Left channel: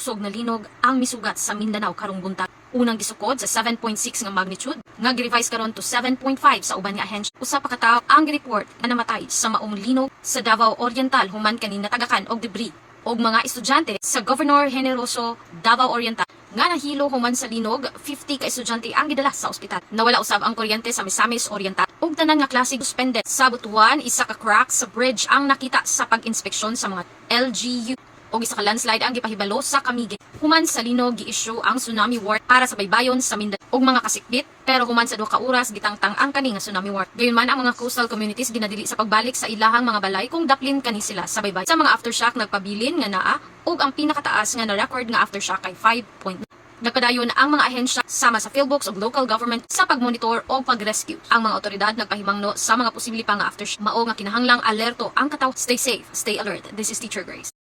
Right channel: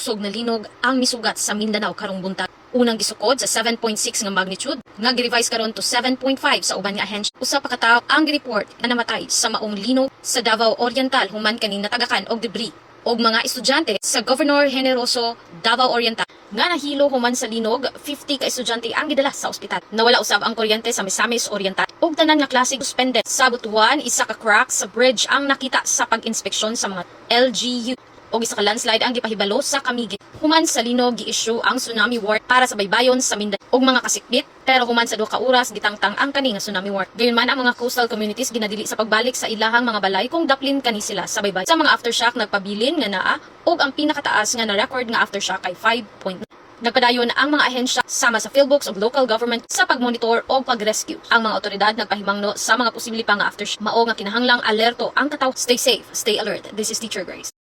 kusog na linog ang misugat sa Mindanao karong buntag. Unang gisukod sa 7.6 nga magnitude, nga gi-revise karon to 7.5 sa uban nga ahensya. Usa pa ka tawo ang gi-report nga namatay sa maong linog sa Davao Oriental human kaning natagakan og debris. Og mga estudyante sa Governor Generoso, Davao Oriental nga nahilo human sa linog, 50 ka estudyante ang gidala sa ospital. Nawala usab ang kuryente sa Misamis Oriental ug tanan nga klase suspended. Sa Butuan, isa ka crack sa bridge ang nakita sa pag-inspeksyon sa mga LGU og isa ka landslide ang gipahibalo sa Camiguin. Human sa linog gi-issue ang tsunami warning para sa baybayon sa Mindanao og mga kasikbit, pero human sa 2 ka oras gitangtang ang kani nga tsunami warning. Gayon man ang mga coastal communities ginadili sa pagbalik sa ilahang mga balay kung daplin kani sila sa baybay. Sa mga aftershock nagpabilin nga naa og ang pinakataas nga na record nga aftershock ay 5. Nagpadayon ang mga ahensya sama sa PhilBooks o local government sa pagmonitor o pag-rescue. Ang mga otoridad nagpahimangno sa mga posible pang aftershock. Mao nga kinahanglang alerto ang katawo. Stay safe, stay alert. This is Teacher Grace.